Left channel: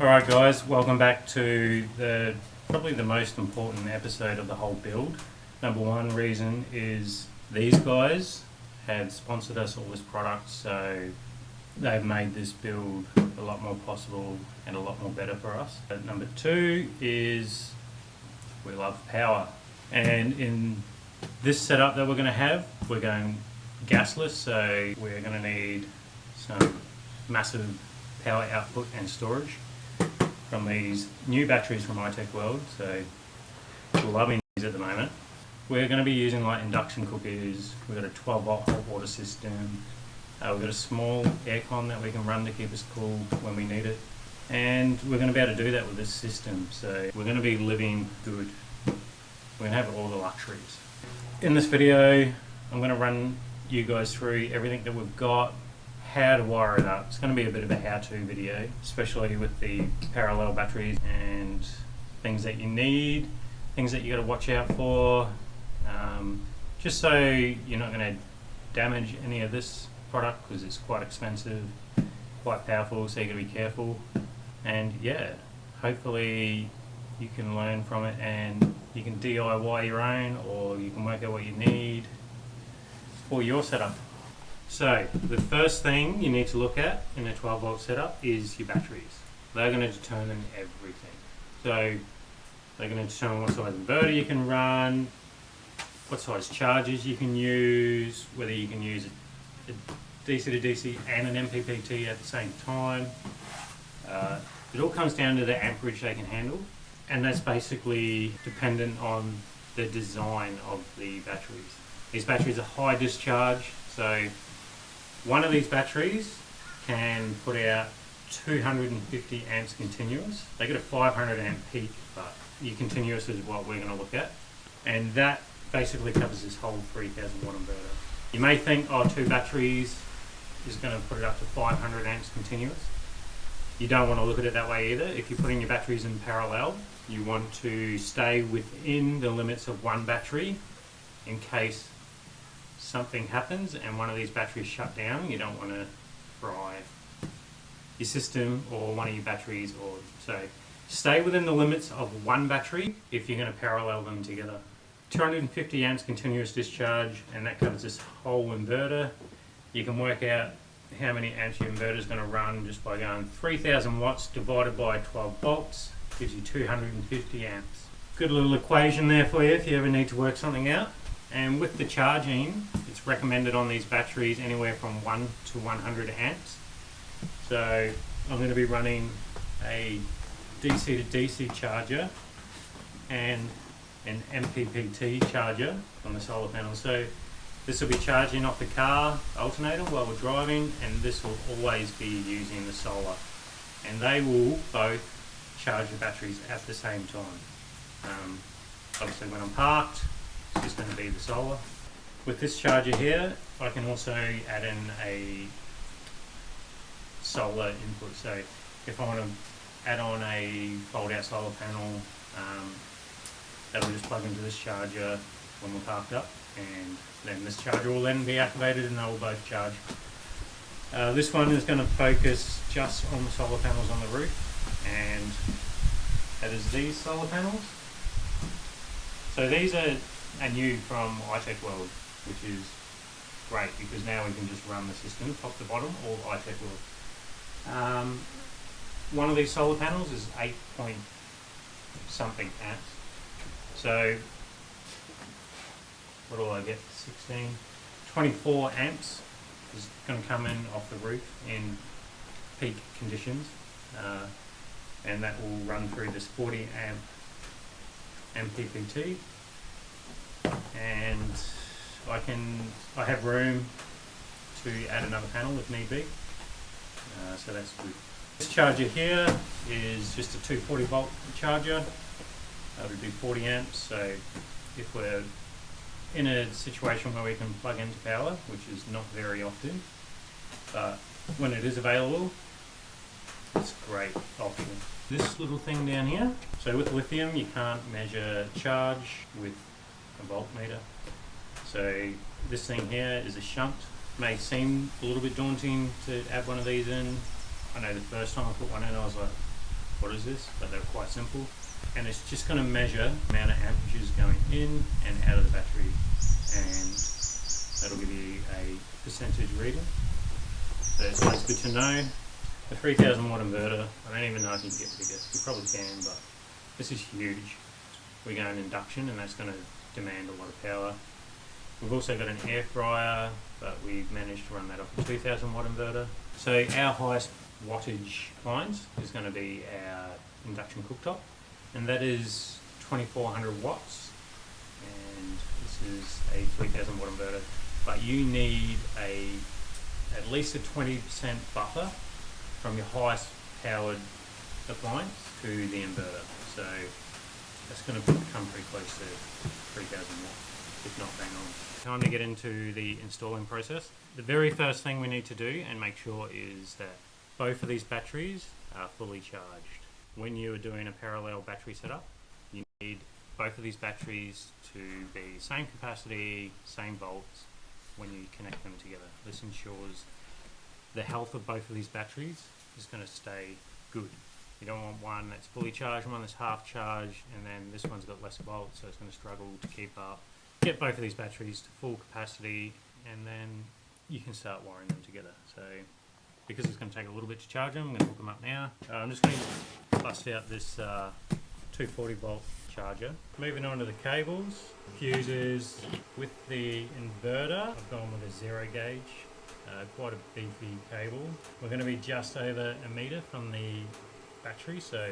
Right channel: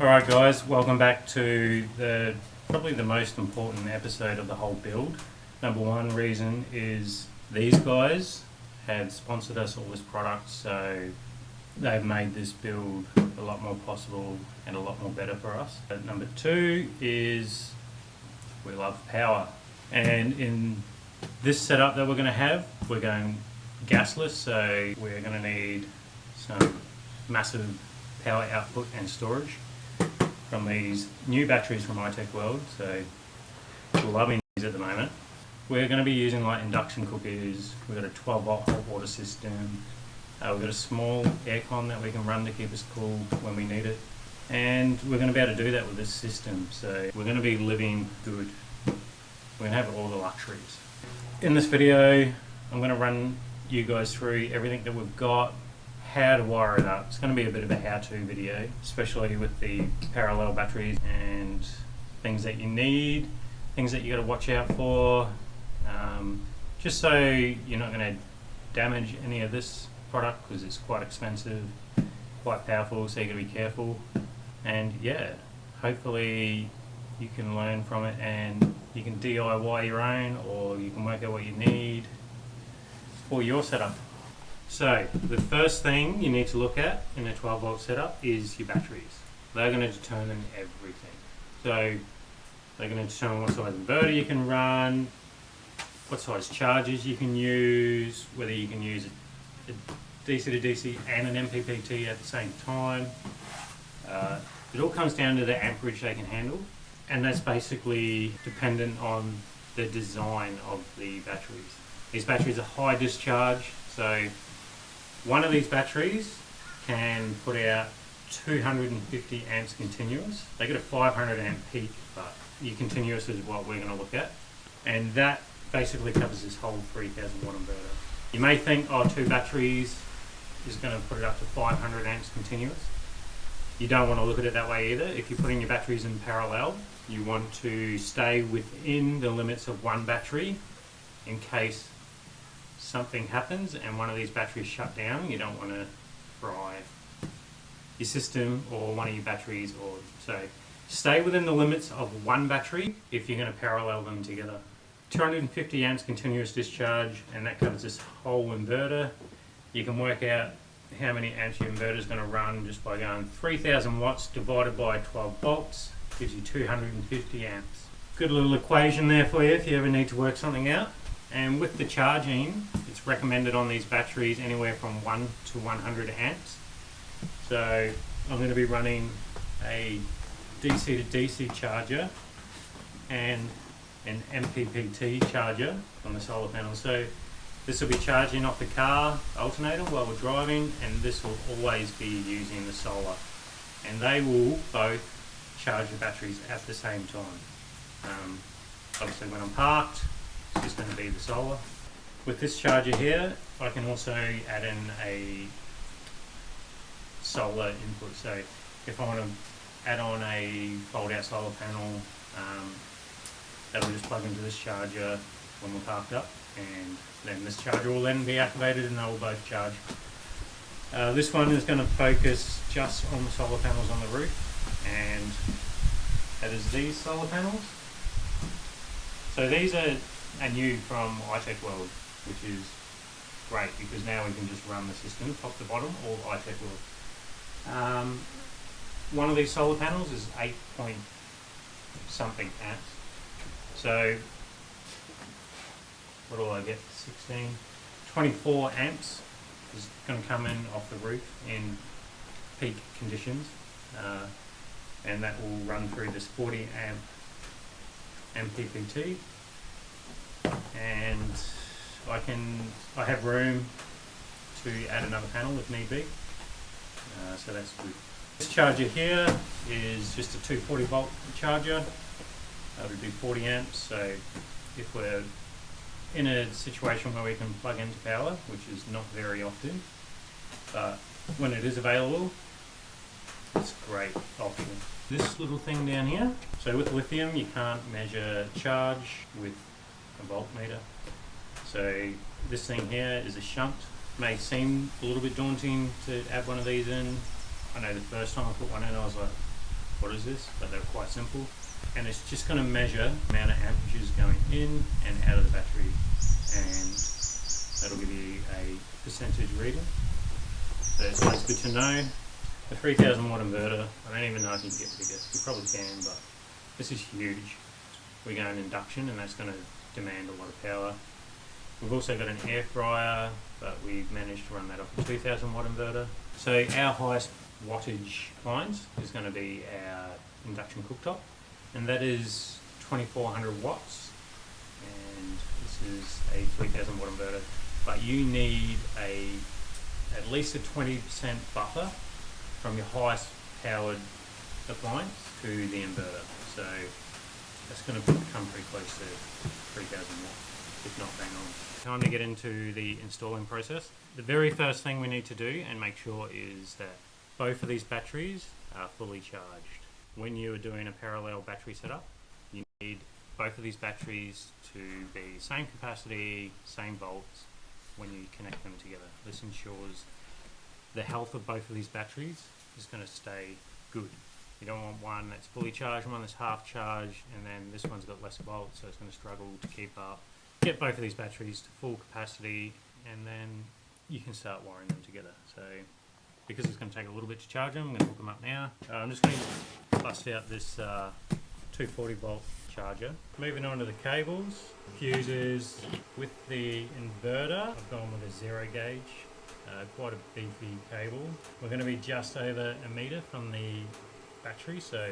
Alright guys, welcome back to probably the most important episode of the whole build. Number one reason is these guys have sponsored us all this product, so they've made this build a lot more possible and a lot more better for us. But number two is we love power, and in this setup that we're going gasless, so we're going to need some massive power output and storage from these new batteries from iTechworld. So we're loving these at the moment. We're going to be using like induction cookers. We've got a 12-volt hot water system. We've got a small aircon that we can run to keep us cool when we need it, and we're going to be able to do that with this system. So we're going to be living good. We're going to have all the luxuries. In this video, I'm going to run you guys through everything that we've got, how to wire it up. It's going to be a bit of a how-to video, especially with the parallel batteries and things that you need, things that you got to watch out for, just so you're not going to damage any of this product, because it's quite expensive, quite powerful, so you got to be careful. And yeah, hopefully you can learn from it and you can DIY your own, or you can work out what you need for your setup. So the first thing you need to look at in a 12-volt setup is your batteries. They're going to determine everything. So they're going to determine what size inverter you can run, what size chargers you can use, whether you can use a DC to DC and an MPPT at the same time. It all comes down to the amperage they can handle, and that's basically dependent on the design of the batteries. These batteries are high discharge, so one of these batteries can put out 250 amps continuous. They get a 500 amp peak, but your continuous is what we're going to look at, and that basically covers this whole 3000 watt inverter. You may think, oh, two batteries is going to put it up to 500 amps continuous. You don't want to look at it that way either. If you're putting your batteries in parallel, you want to stay within the limits of one battery in case something happens and one of these batteries shut down. You don't want to fry your system or one of your batteries, or so stay within the limits of one battery if you're going to parallel them together. 250 amps continuous discharge, and that covers this whole inverter. You can work out how many amps your inverter is going to run just by going 3000 watts divided by 12 volts gives you 250 amps. Good little equation there for you if you ever need to work something out. And with the charging, it's recommended on these batteries anywhere from 1 to 100 amps. So I'm going to be running a DC to DC charger and an MPPT charger on the solar panel. So this will be charging off the car alternator while we're driving, and this will always be using the solar. And they will both charge the batteries at the same time. Obviously when I'm parked, it's just going to be the solar. With this charger here, I can also add in a solar input. So if I want to add on a fold-out solar panel, that'll just plug into this charger when we're parked up, and then this charger will then be activated and they will both charge. This one is going to focus just on the solar panels on the roof, and that is these solar panels. So these are new from iTechworld, which is great because now we can just run the system top to bottom, all iTechworld. One of these solar panels is 8 point something amps. So what do I get? 24 amps is going to come in off the roof in peak conditions, and that will run through this 40 amp MPPT. And I have room to add another panel if need be, so that's good. This charger here is just a 240 volt charger. It'll do 40 amps, so if we're in a situation where we can plug into power, which is not very often, but when it is available, it's a great option. This little thing down here, so with lithium you can't measure charge with a voltmeter. So this thing here is a shunt. May seem a little bit daunting to add one of these in. I know the first time I put one in I was like, what is this, but they're quite simple. And it's just going to measure the amount of amperages going in and out of the battery, and that'll give you a percentage reading. So it's always good to know. The 3000 watt inverter, I don't even know if you can get bigger. You probably can, but this is huge. We're going induction, and that's going to demand a lot of power. We've also got an air fryer, but we've managed to run that off a 2000 watt inverter. So our highest wattage appliance is going to be our induction cooktop, and that is 2400 watts, and this is a 3000 watt inverter. But you need at least a 20% buffer from your highest powered appliance to the inverter. So that's going to come pretty close to 3000 watts, if not bang on. Time to get into the installing process. The very first thing we need to do and make sure is that both of these batteries are fully charged. When you are doing a parallel battery setup, you need both of these batteries to be same capacity, same volts when you connect them together. This ensures the health of both of these batteries is going to stay good. You don't want one that's fully charged, one that's half charged, and then this one's got less volts, so it's going to struggle to keep up. Get both of these batteries to full capacity, and then you can start wiring them together. So because it's going to take a little bit to charge them, I'm going to hook them up now. I'm just going to bust out this 240 volt charger. Moving on to the cables, fuses. With the inverter, I've gone with a 0 gauge, quite a beefy cable. We're going to be just over a meter from the battery, so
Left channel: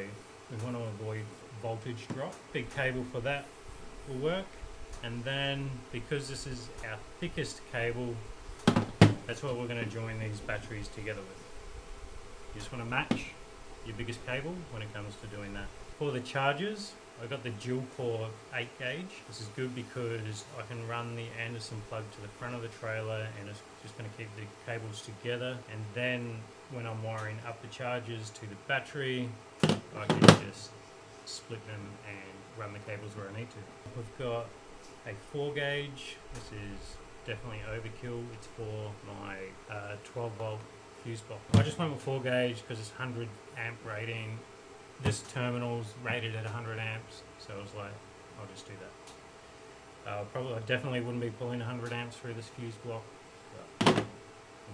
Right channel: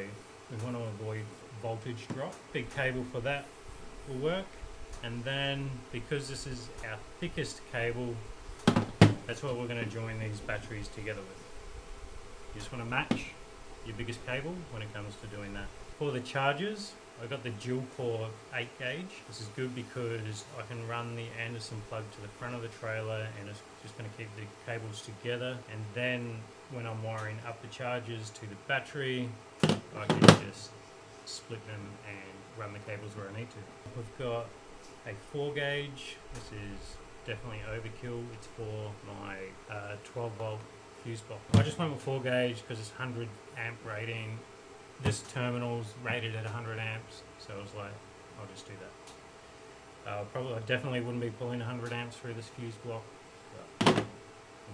we want to avoid voltage drop. Big cable for that will work. And then, because this is our thickest cable, that's what we're going to join these batteries together with. You just want to match your biggest cable when it comes to doing that. For the chargers, I've got the dual core 8 gauge. This is good because I can run the Anderson plug to the front of the trailer, and it's just going to keep the cables together. And then when I'm wiring up the chargers to the battery, I can just split them and run the cables where I need to. We've got a 4 gauge. This is definitely overkill. It's for my 12 volt fuse box. I just went with 4 gauge because it's 100 amp rating. This terminal's rated at 100 amps, so I was like, I'll just do that. I definitely wouldn't be pulling 100 amps through this fuse block, but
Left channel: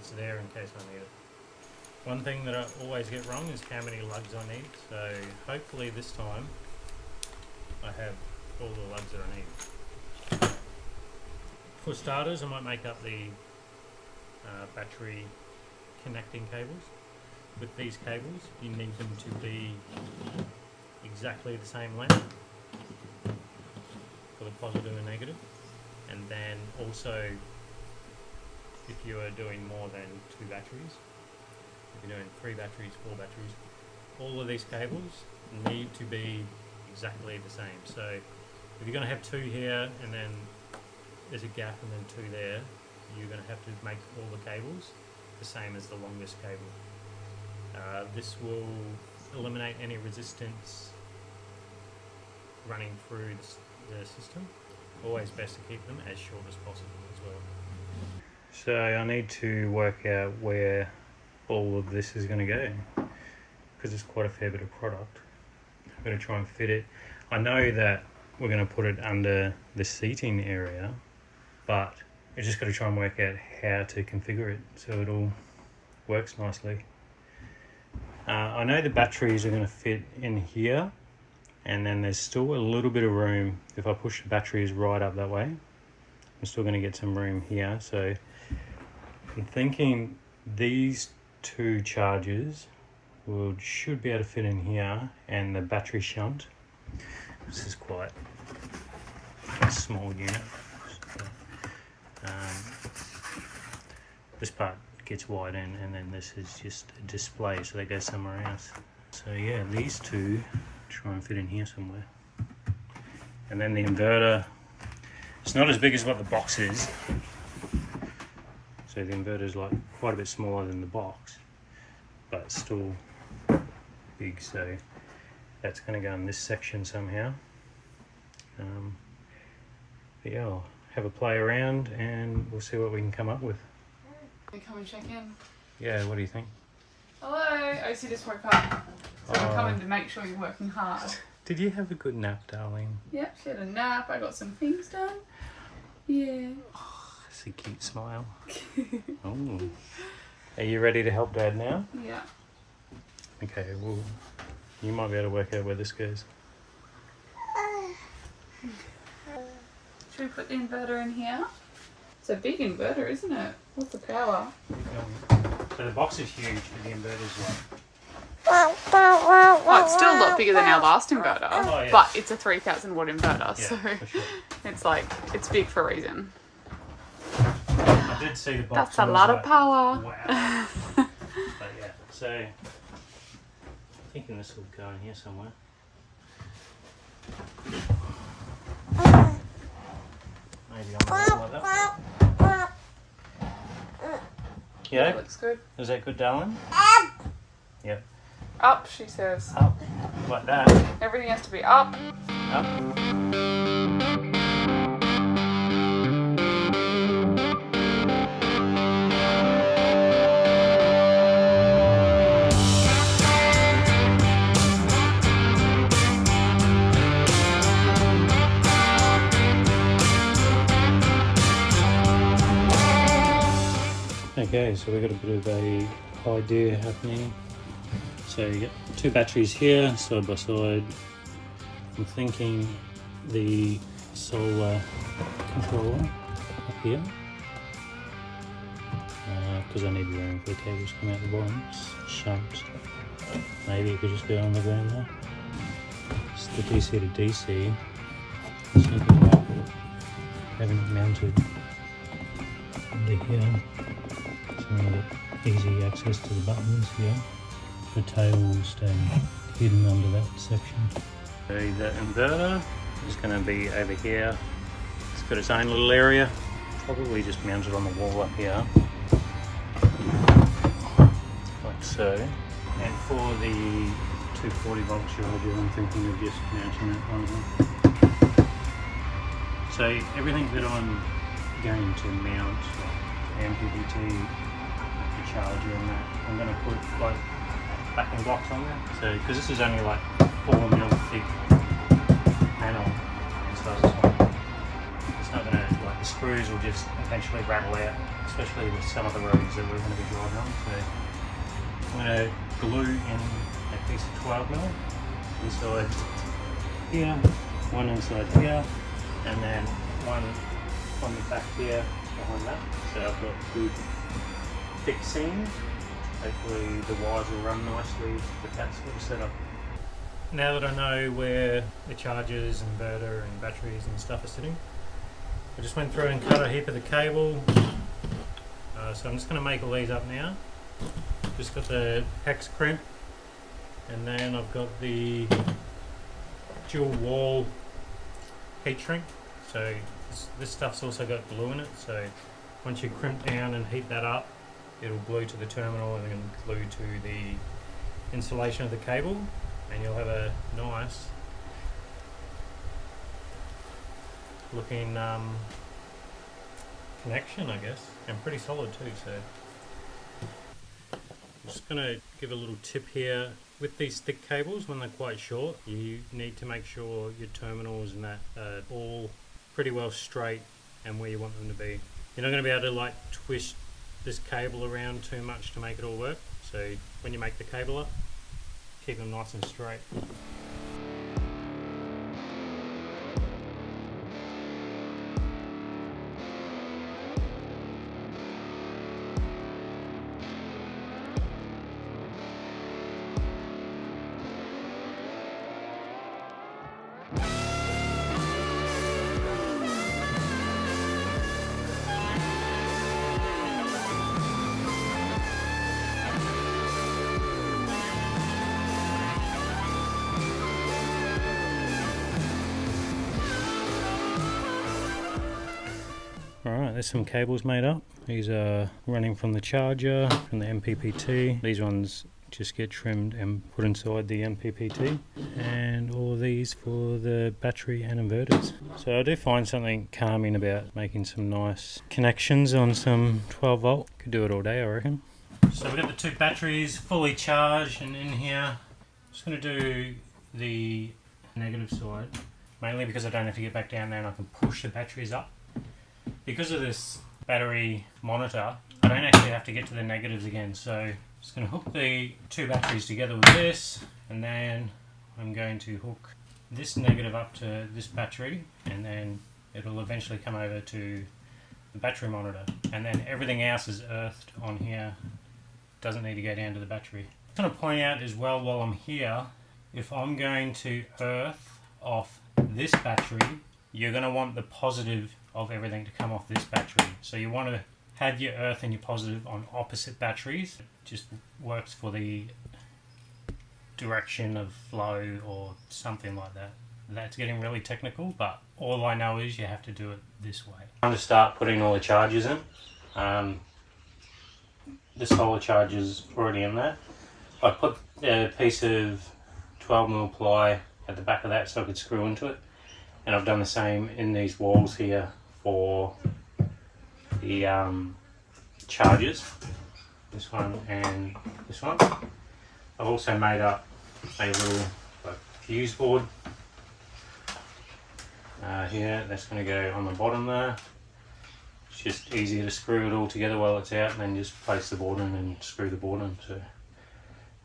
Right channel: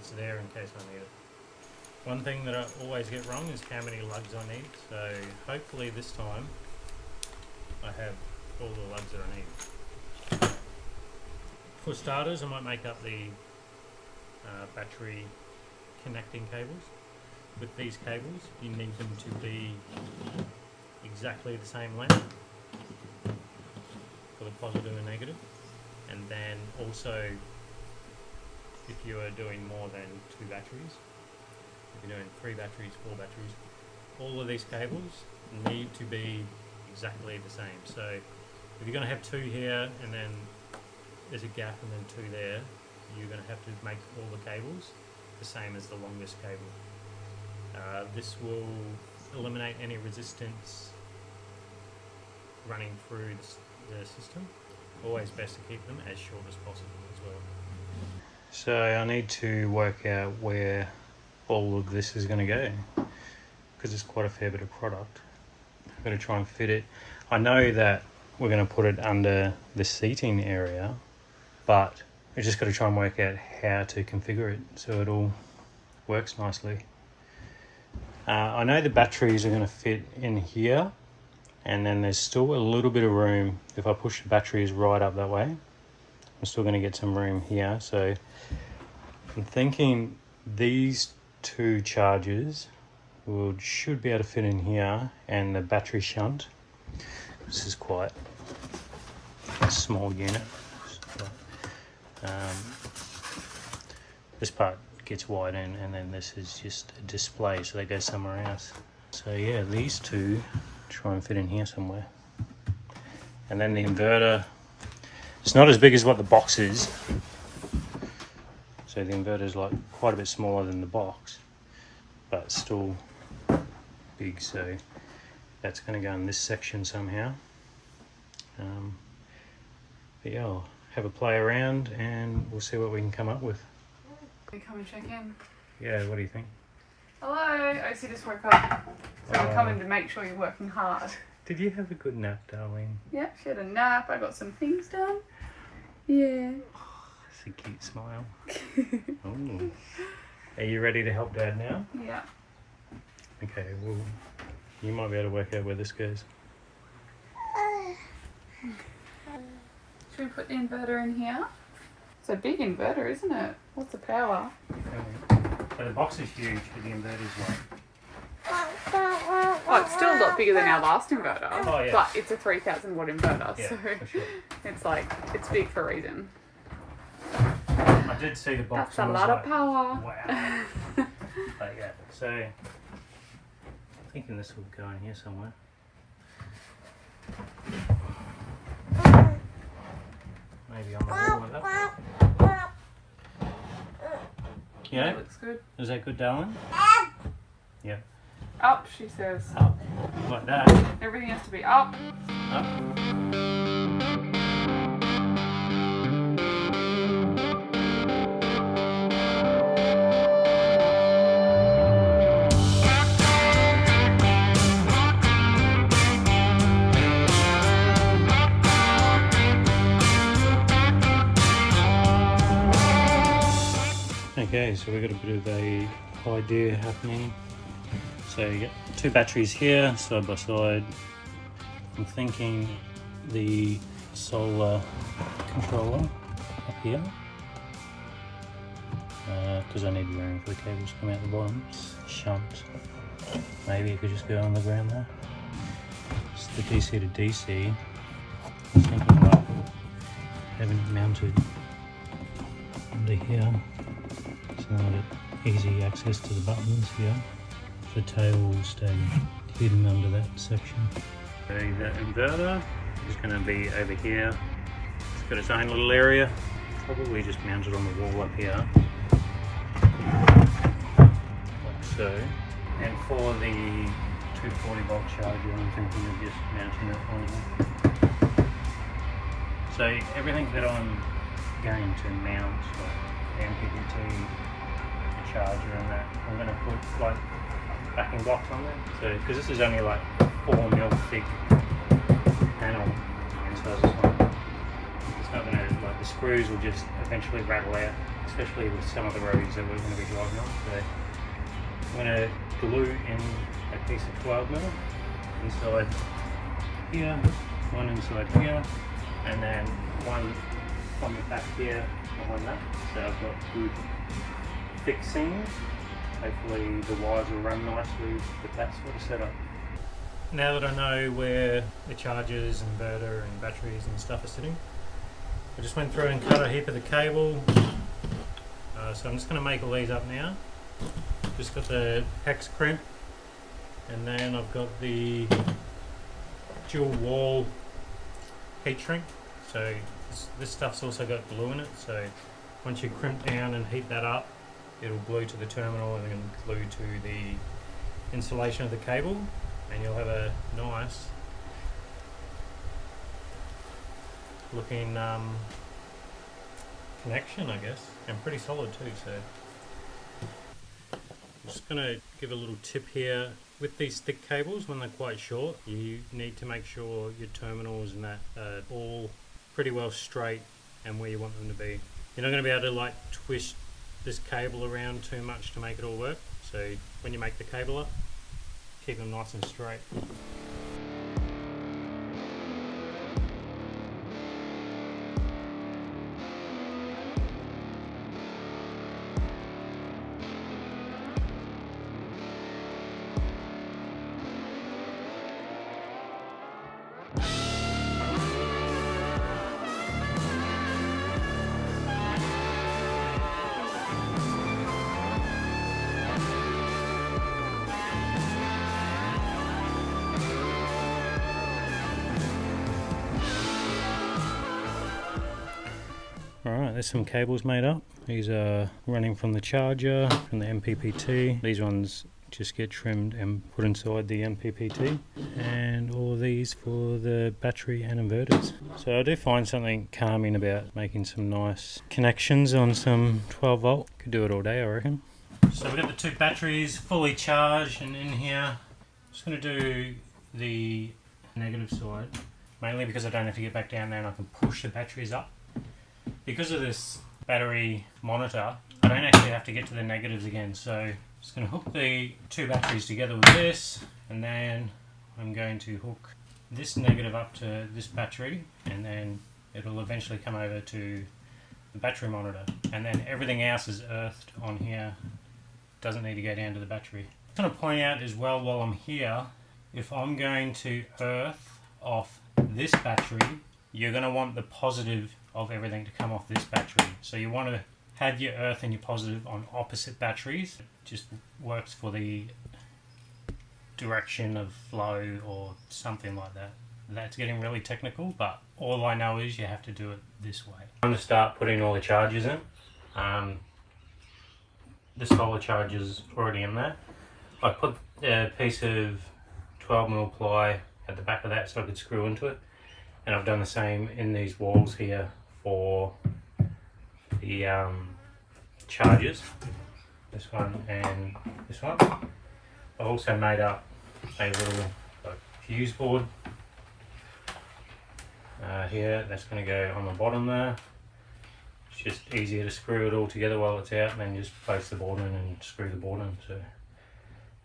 it's there in case I need it. One thing that I always get wrong is how many lugs I need, so hopefully this time I have all the lugs that I need. For starters, I might make up the battery connecting cables. With these cables, you need them to be exactly the same length for the positive and negative. And then also, if you are doing more than 2 batteries, if you're doing 3 batteries, 4 batteries, all of these cables need to be exactly the same. So if you're going to have 2 here and then there's a gap and then 2 there, you're going to have to make all the cables the same as the longest cable. This will eliminate any resistance running through the system. Always best to keep them as short as possible as well. So I need to work out where all of this is going to go, because it's quite a fair bit of product. I'm going to try and fit it. I know that we're going to put it under the seating area, but I just got to try and work out how to configure it so it all works nicely. I know the batteries are going to fit in here, and then there's still a little bit of room. If I push the batteries right up that way, I'm still going to get some room here. So I'm thinking these 2 chargers should be able to fit in here, and the battery shunt. This is quite a small unit. This part gets wide in, and then this is just a display, so they go somewhere else. So yeah, these 2 try and fit in here somewhere. And then the inverter, it's not as big as what the box is. So the inverter is like quite a bit smaller than the box, but still big, so that's going to go in this section somehow. But yeah, I'll have a play around and we'll see what we can come up with. Come and check in. Yeah, what do you think? Hello. OC just woke up. So I'm coming to make sure you're working hard. Did you have a good nap, darling? Yep, she had a nap. I got some things done. Yeah. Oh, that's a cute smile. Oh. Are you ready to help Dad now? Yeah. Okay, well, you might be able to work out where this goes. Should we put the inverter in here? It's a big inverter, isn't it? What's the power? So the box is huge, but the inverter's like... Oh, it's still a lot bigger than our last inverter. Oh, yeah. But it's a 3,000 watt inverter, Yeah, so for sure. it's like, it's big for a reason. I did see the box. That's a lot of power. Wow. But yeah, so I'm thinking this will go in here somewhere. Maybe on like that. Yeah, That looks good. Is that good, darling? Yep. Up, she says. Up. Like that. Everything has to be up. Up. Okay, so we've got a bit of a idea happening. So you get two batteries here, side by side. I'm thinking the solar controller up here, because I need room for the cables to come out the bottom. Shunt. Maybe it could just go on the ground there. It's the DC to DC. I was thinking about having it mounted under here. So I get easy access to the buttons here. The tail will stay hidden under that section. So the inverter is going to be over here. It's got its own little area. Probably just mounted on the wall up here. Like so. And for the 240 volt charger, I'm thinking of just mounting it on here. So everything that I'm going to mount, like the MPPT, the charger and that, I'm going to put like backing blocks on there. So, because this is only like 4mm thick panel inside this one, it's not going to, like the screws will just eventually rattle out, especially with some of the roads that we're going to be driving on. So I'm going to glue in a piece of 12mm inside here, one inside here, and then one on the back here behind that. So I've got good thick seams. Hopefully the wires will run nicely with that sort of setup. Now that I know where the chargers, inverter and batteries and stuff are sitting, I just went through and cut a heap of the cable. So I'm just going to make all these up now. Just got the hex crimp, and then I've got the dual wall heat shrink. So this stuff's also got glue in it, so once you crimp down and heat that up, it'll glue to the terminal and then glue to the insulation of the cable, and you'll have a nice looking connection, I guess, and pretty solid too. So I'm just going to give a little tip here. With these thick cables, when they're quite short, you need to make sure your terminals and that are all pretty well straight and where you want them to be. You're not going to be able to like twist this cable around too much to make it all work. So when you make the cable up, keep them nice and straight. Alright, there's some cables made up. These are running from the charger, from the MPPT. These ones just get trimmed and put inside the MPPT. And all of these for the battery and inverters. So I do find something calming about making some nice connections on some 12 volt. Could do it all day, I reckon. So we've got the 2 batteries fully charged and in here. Just going to do the negative side, mainly because I don't have to get back down there and I can push the batteries up. Because of this battery monitor, I don't actually have to get to the negatives again. So I'm just going to hook the 2 batteries together with this, and then I'm going to hook this negative up to this battery, and then it'll eventually come over to the battery monitor, and then everything else is earthed on here, doesn't need to go down to the battery. I'm going to point out as well while I'm here, if I'm going to earth off this battery, you're going to want the positive of everything to come off this battery. So you want to have your earth and your positive on opposite batteries. It just works for the direction of flow or something like that. That's getting really technical, but all I know is you have to do it this way. I'm going to start putting all the chargers in. The solar charger's already in there. I put a piece of 12mm ply at the back of that so I could screw into it, and I've done the same in these walls here for the chargers, this one and this one. I've also made up a little fuse board here that's going to go on the bottom there. It's just easier to screw it all together while it's out and then just place the board in and screw the board in. So I'm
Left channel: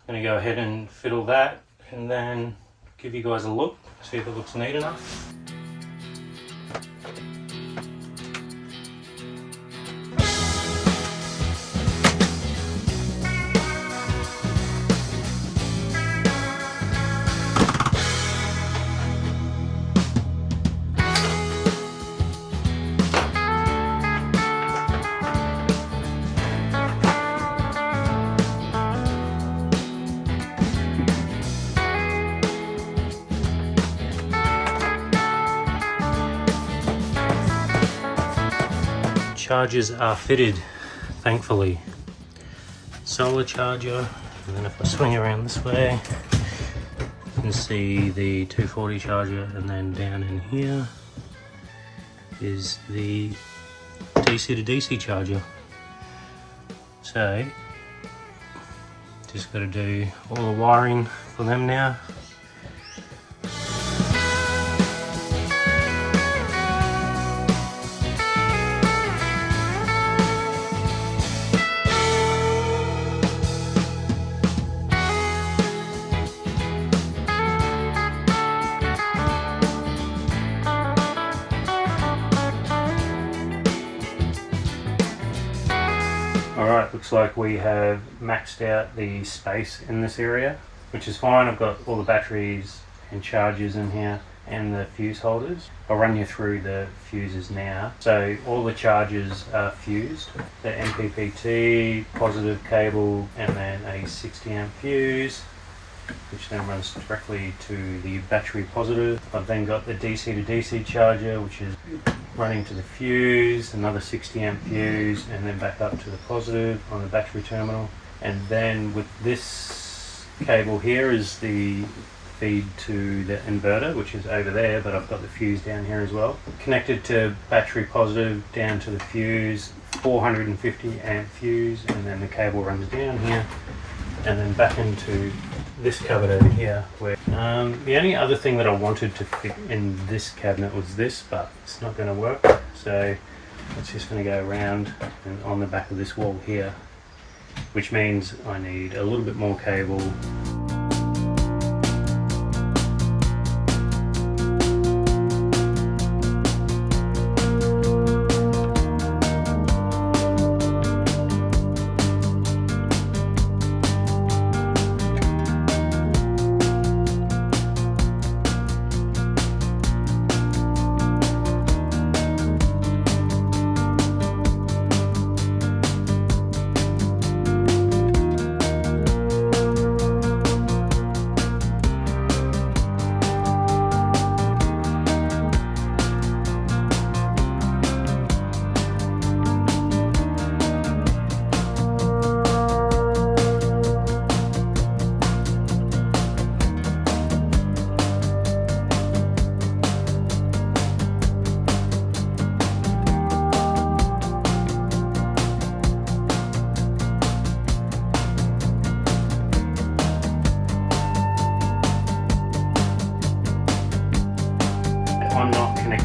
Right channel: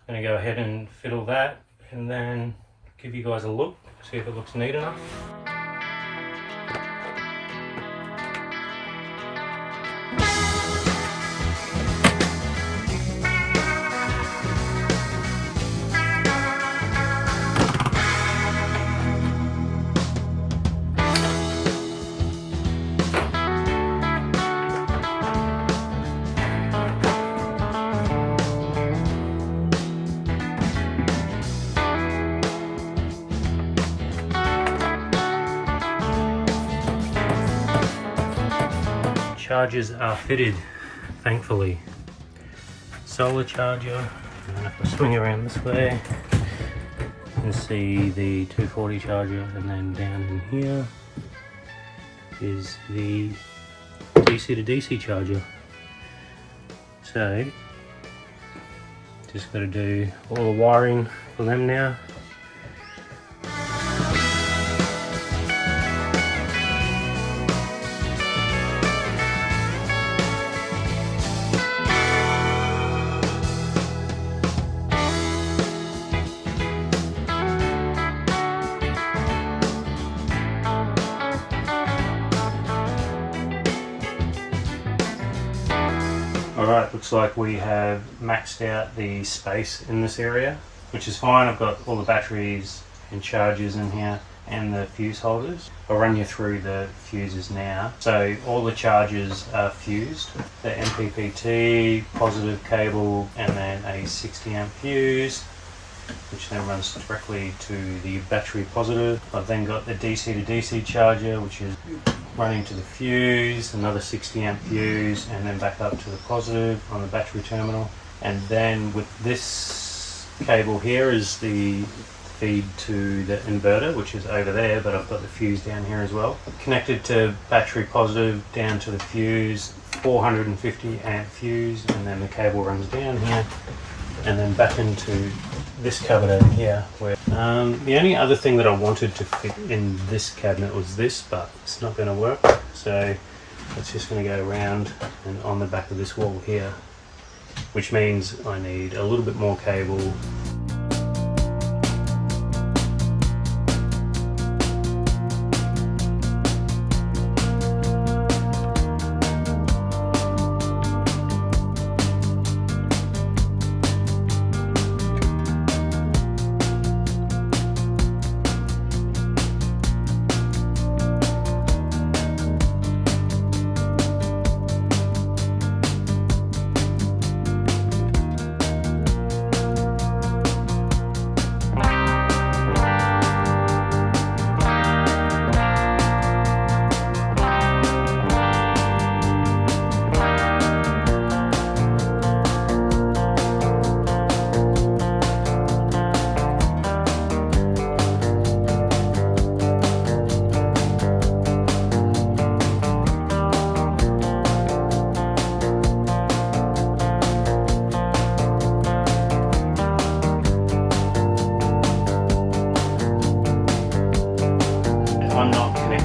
going to go ahead and fiddle that and then give you guys a look, see if it looks neat enough. Chargers are fitted, thankfully. Solar charger, and then if I swing around this way, you can see the 240 charger, and then down in here is the DC to DC charger. So, just got to do all the wiring for them now. Alright, looks like we have maxed out the space in this area, which is fine. I've got all the batteries and chargers in here and the fuse holders. I'll run you through the fuses now. So all the chargers are fused. The MPPT, positive cable, and then a 60 amp fuse, which then runs directly to the battery positive. I've then got the DC to DC charger, which is running to the fuse, another 60 amp fuse, and then back up to the positive on the battery terminal. And then with this cable here is the feed to the inverter, which is over there, but I've got the fuse down here as well. Connected to battery positive down to the fuse, 450 amp fuse, and then the cable runs down here and then back into this cabinet over here. Where the only other thing that I wanted to fit in this cabinet was this, but it's not going to work. So it's just going to go around and on the back of this wall here, which means I need a little bit more cable.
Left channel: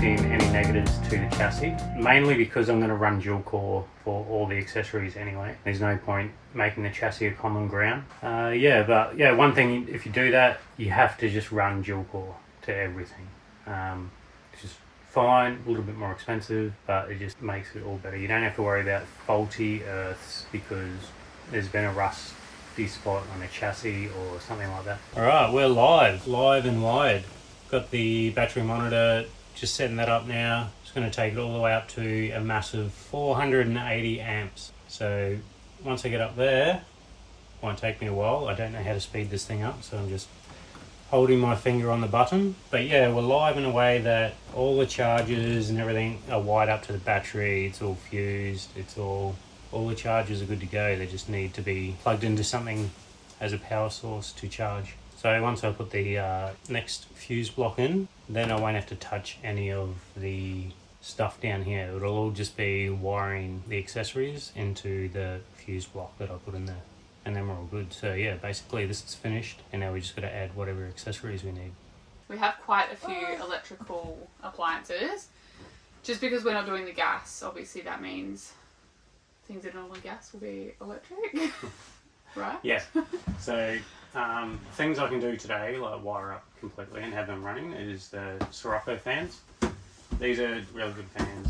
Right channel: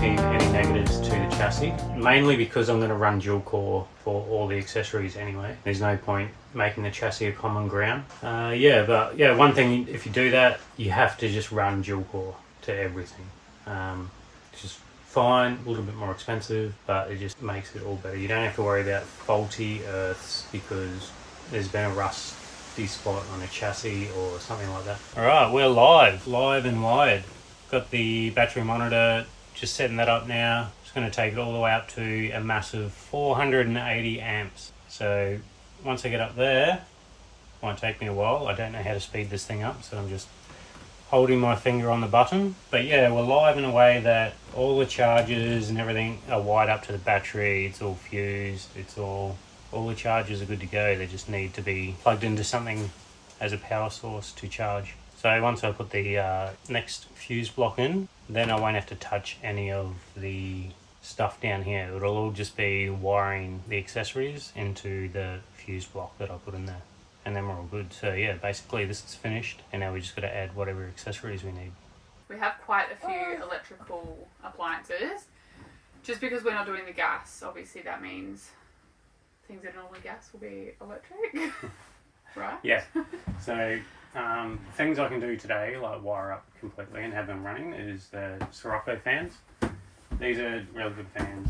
connecting any negatives to the chassis, mainly because I'm going to run dual core for all the accessories anyway. There's no point making the chassis a common ground. One thing, if you do that, you have to just run dual core to everything. It's just fine, a little bit more expensive, but it just makes it all better. You don't have to worry about faulty earths because there's been a rusty spot on a chassis or something like that. Alright, we're live and wired. Got the battery monitor, just setting that up now. Just going to take it all the way up to a massive 480 amps. So once I get up there, it won't take me a while. I don't know how to speed this thing up, so I'm just holding my finger on the button. But yeah, we're live in a way that all the chargers and everything are wired up to the battery. It's all fused. All the chargers are good to go. They just need to be plugged into something as a power source to charge. So once I put the next fuse block in, then I won't have to touch any of the stuff down here. It'll all just be wiring the accessories into the fuse block that I put in there. And then we're all good. So yeah, basically this is finished, and now we just got to add whatever accessories we need. We have quite a few electrical appliances. Just because we're not doing the gas, obviously that means things that are normally gas will be electric. Right? Yeah. So things I can do today, like wire up completely and have them running, is the Sirocco fans. These are really good fans.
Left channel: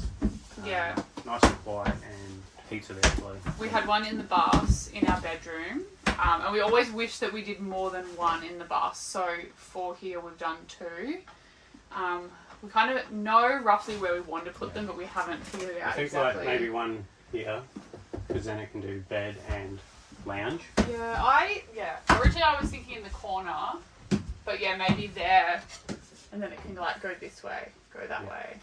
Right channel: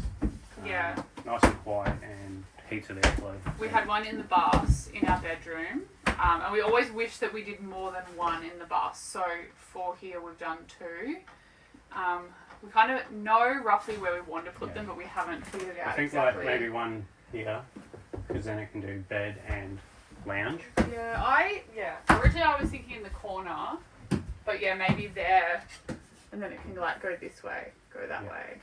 Yeah. Nice and quiet and heats of airflow. We had one in the bus in our bedroom, and we always wish that we did more than one in the bus. So for here we've done two. We kind of know roughly where we want to put them, but we haven't figured it out. I think exactly. like maybe one here, because then it can do bed and lounge. Originally I was thinking in the corner, but yeah, maybe there, and then it can like go this way, go that way.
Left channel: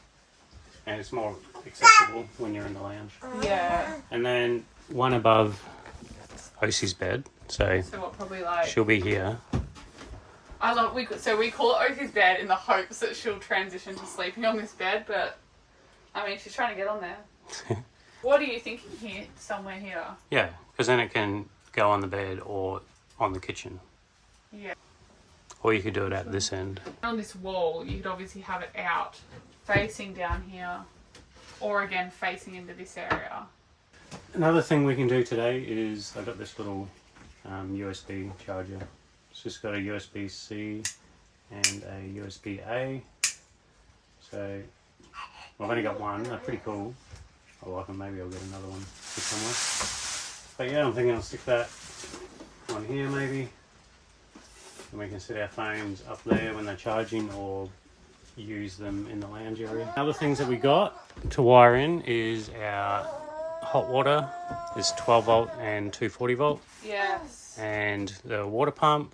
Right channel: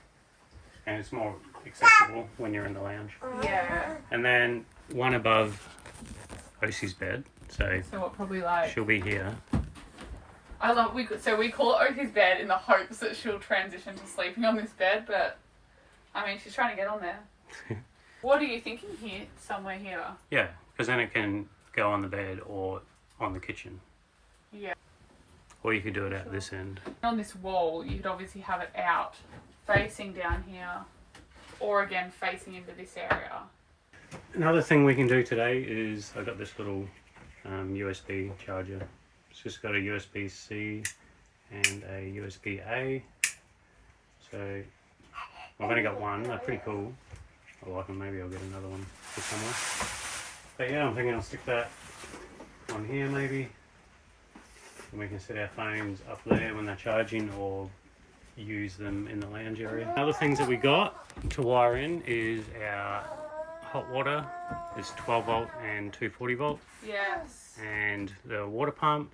And it's more accessible when you're in the lounge. Yeah. And then one above Osie's bed, so what probably like she'll be here. We call it Oki's bed in the hopes that she'll transition to sleeping on this bed, but I mean she's trying to get on there. What are you thinking here? Somewhere here? Yeah, because then it can go on the bed or on the kitchen. Yeah. Or you could do it at this end. On this wall, you could obviously have it out, facing down here, or again facing into this area. Another thing we can do today is I've got this little USB charger. It's just got a USB-C and a USB-A. So I've only got one. They're pretty cool. I like them. Maybe I'll get another one somewhere. But yeah, I'm thinking I'll stick that on here maybe. And we can set our phones up there when they're charging, or use them in the lounge area. Other things that we got to wire in is our hot water. It's 12 volt and 240 volt. Yes. And the water pump.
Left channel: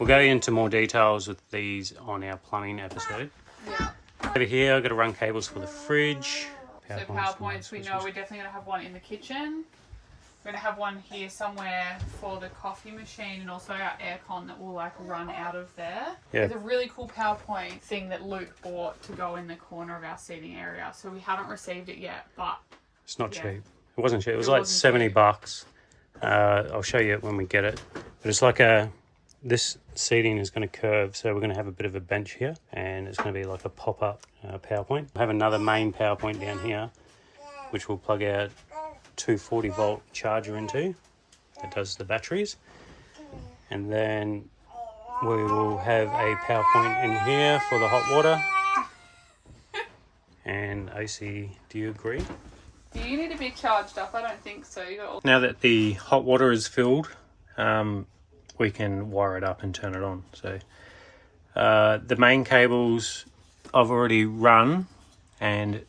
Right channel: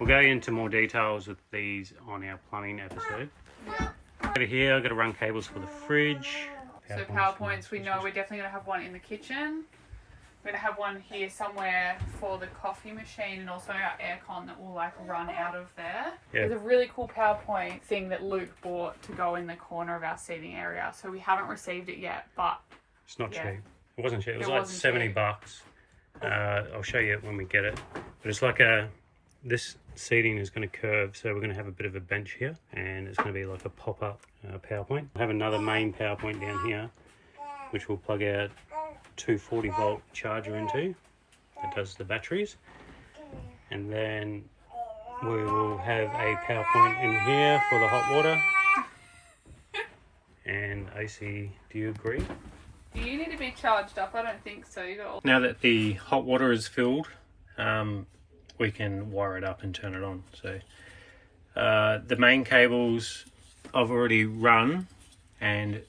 We'll go into more details with these on our plumbing episode. Yeah. Over here I've got to run cables for the fridge. So power points, we know we're definitely going to have one in the kitchen. We're going to have one here somewhere for the coffee machine, and also our aircon that will like run out of there. Yeah. There's a really cool PowerPoint thing that Luke bought to go in the corner of our seating area. So we haven't received it yet, but it's not cheap. It wasn't cheap. It was like 70 bucks. I'll show you it when we get it. But it's like this seating is going to curve, so we're going to have a bit of a bench here, and it's going to be like a pop-up PowerPoint. We'll have another main PowerPoint down here, which we'll plug our 240 volt charger into. That does the batteries. And then we will have a PowerPoint in here for the hot water. And AC, do you agree? do you need to be charged up? I don't think so. You got all... Now that the hot water is filled, we can wire it up and turn it on. So the main cables I've already run, and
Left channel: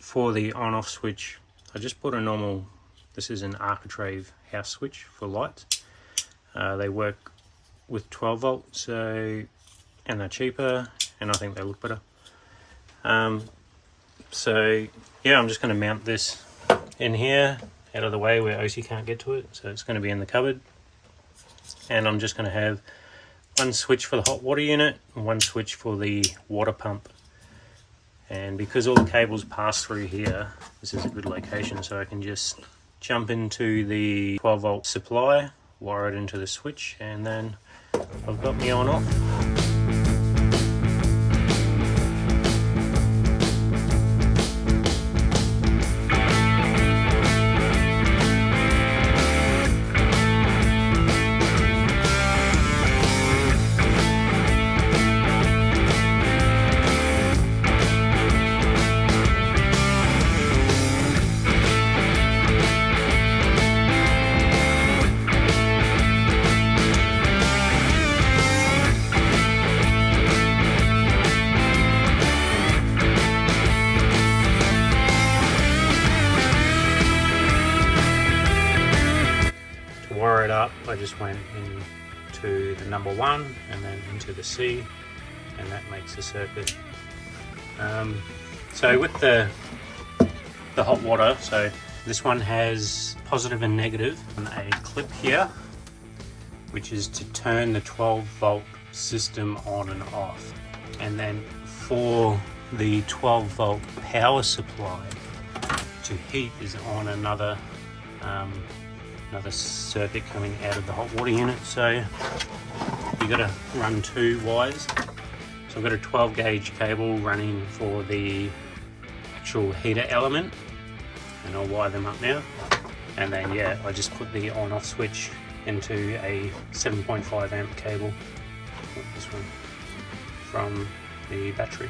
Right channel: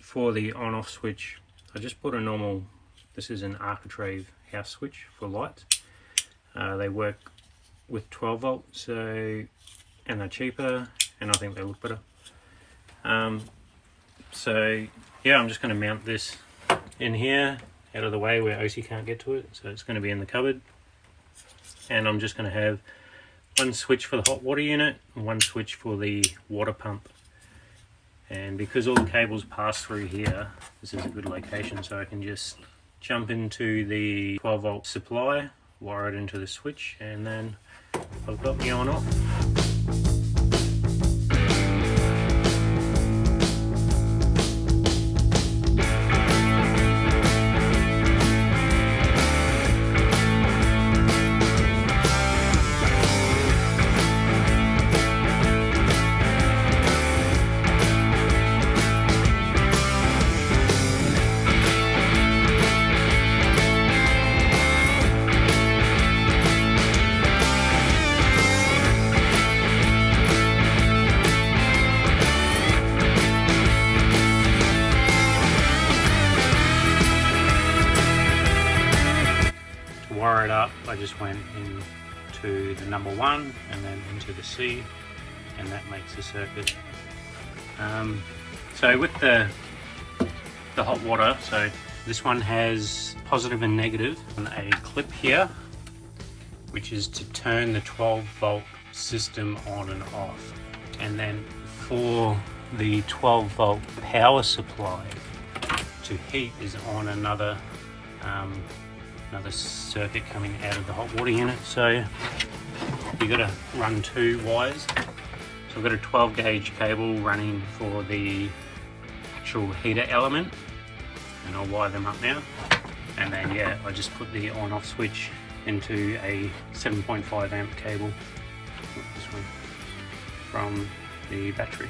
for the on-off switch I just put a normal, this is an architrave house switch for lights. They work with 12 volt, so, and they're cheaper, and I think they look better. So yeah, I'm just going to mount this in here out of the way where OC can't get to it, so it's going to be in the cupboard. And I'm just going to have one switch for the hot water unit and one switch for the water pump. And because all the cables pass through here, this is a good location, so I can just jump into the 12 volt supply, wire it into the switch, and then I've got me on off. just went into the number 1 and then into the C, and that makes the circuit. So with the hot water, so this one has positive and negative on a clip here, which is to turn the 12 volt system on and off. And then for the 12 volt power supply to heat is on another circuit coming out of the hot water unit. So you got to run 2 wires. So I've got a 12 gauge cable running for the actual heater element, and I'll wire them up now. And then yeah, I just put the on off switch into a 7.5 amp cable, this one, from the battery.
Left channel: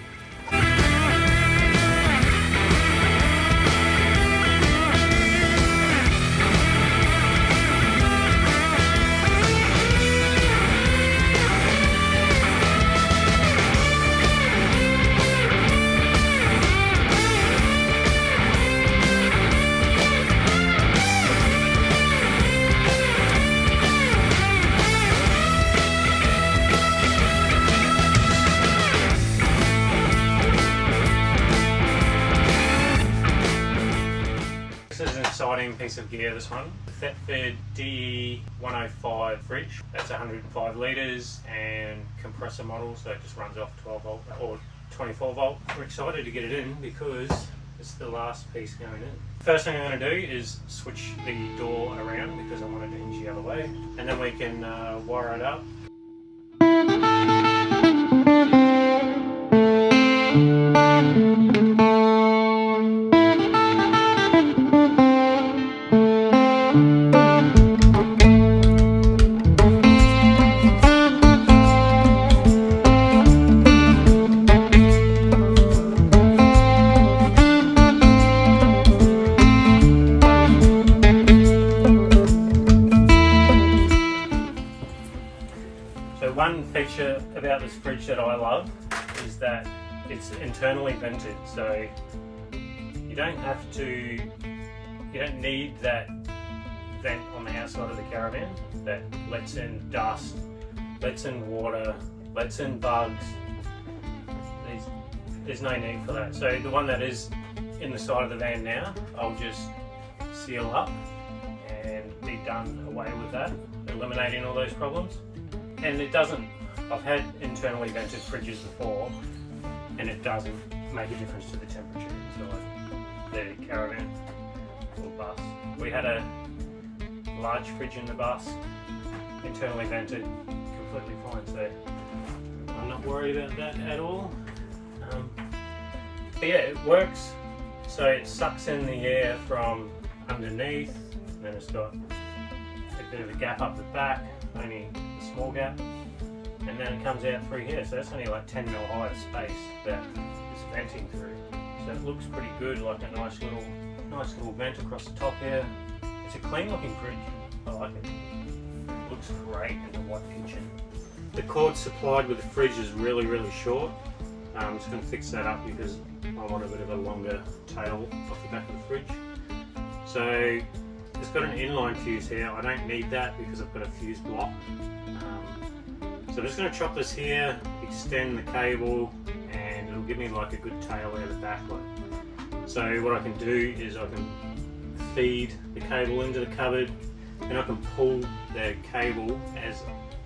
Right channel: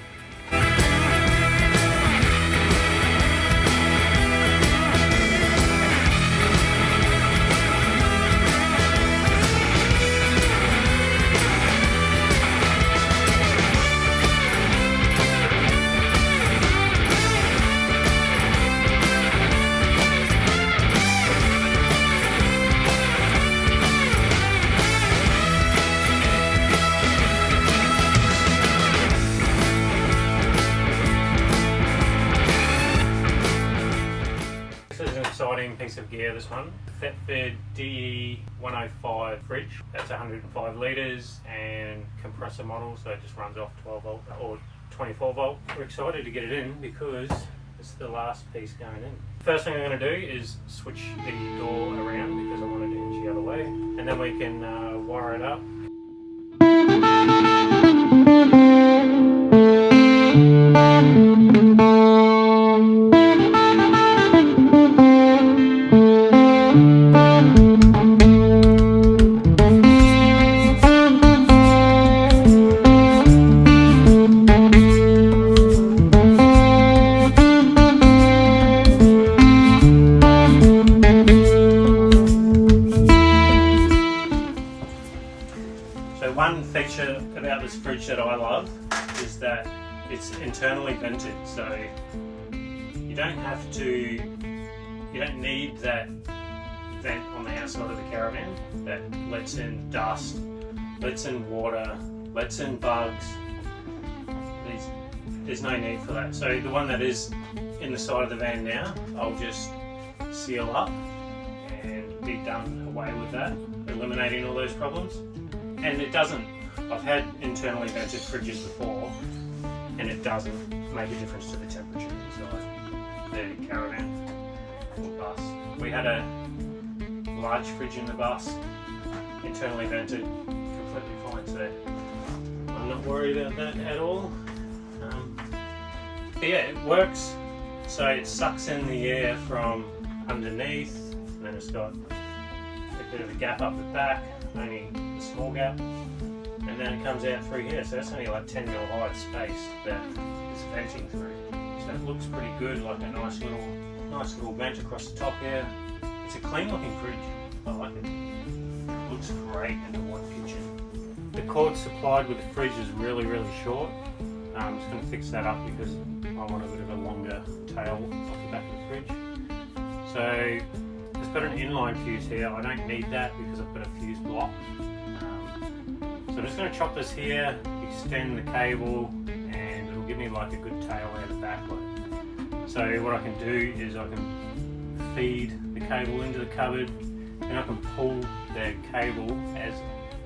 Piece of gear, this one, the Thetford DE105 fridge. That's 105 litres and compressor model, so it just runs off 12 volt or 24 volt. We're excited to get it in because it's the last piece going in. First thing I'm going to do is switch the door around because I want it to hinge the other way, and then we can wire it up. One feature about this fridge that I love is that it's internally vented, so you don't need that vent on the outside of the caravan that lets in dust, lets in water, lets in bugs. There's no need for that. So the one that is in the side of the van now, I'll just seal up and be done away with that, eliminating all those problems. And it doesn't, I've had internally vented fridges before, and it doesn't make a difference to the temperature inside the caravan or bus. We had a large fridge in the bus, internally vented, completely fine, so I'm not worried about that at all. But yeah, it works. So it sucks in the air from underneath, and then it's got a bit of a gap up the back, only a small gap, and then it comes out through here, so that's only like 10 mil high space that is venting through. So it looks pretty good, like a nice little vent across the top here. It's a clean looking fridge, I like it. It looks great in the white kitchen. The cord supplied with the fridge is really short. I'm just going to fix that up because I want a bit of a longer tail off the back of the fridge. So it's got an inline fuse here. I don't need that because I've got a fuse block. So I'm just going to chop this here, extend the cable, and it'll give me like a good tail out the back. So what I can do is I can feed the cable into the cupboard, and I can pull the cable as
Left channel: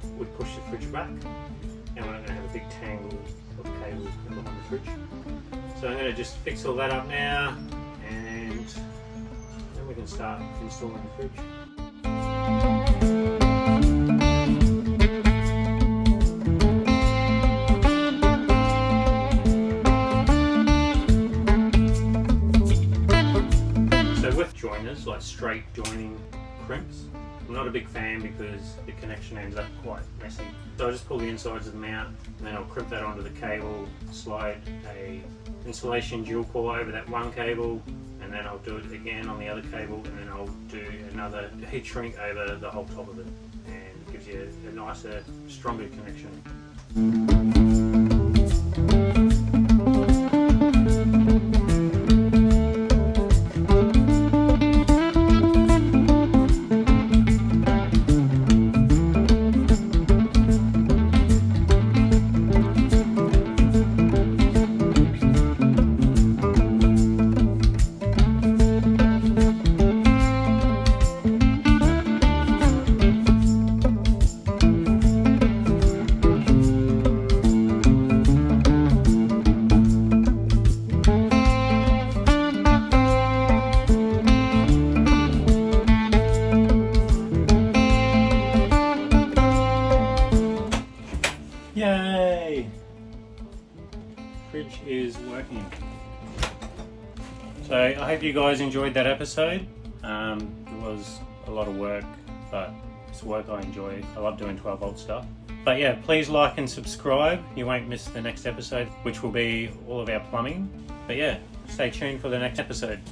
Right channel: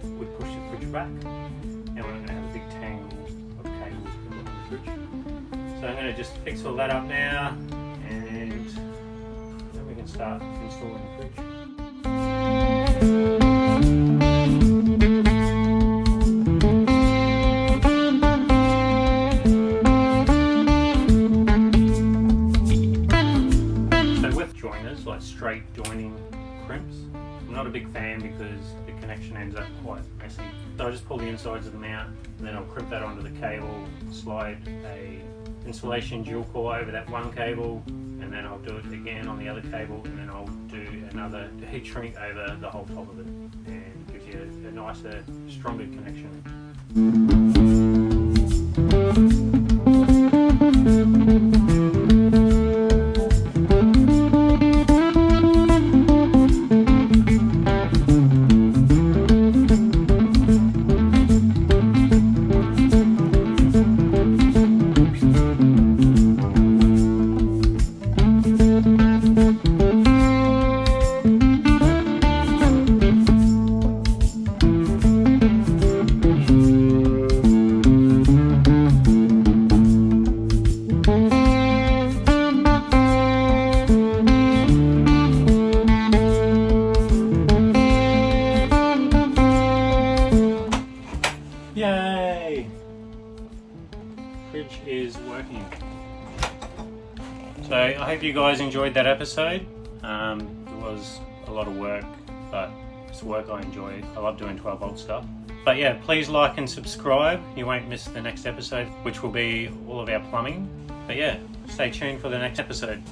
we push the fridge back, and we're not going to have a big tangle of cable in the fridge. So I'm going to just fix all that up now, and then we can start installing the fridge. Like straight joining crimps, I'm not a big fan because the connection ends up quite messy. So I just pull the insides of them out, and then I'll crimp that onto the cable, slide a insulation dual core over that one cable, and then I'll do it again on the other cable, and then I'll do another heat shrink over the whole top of it, and it gives you a nicer, stronger connection. is working. So I hope you guys enjoyed that episode. It was a lot of work, but it's work I enjoy. I love doing 12 volt stuff. But yeah, please like and subscribe. You won't miss the next episode, which will be all of our plumbing. But yeah, stay tuned for the next episode.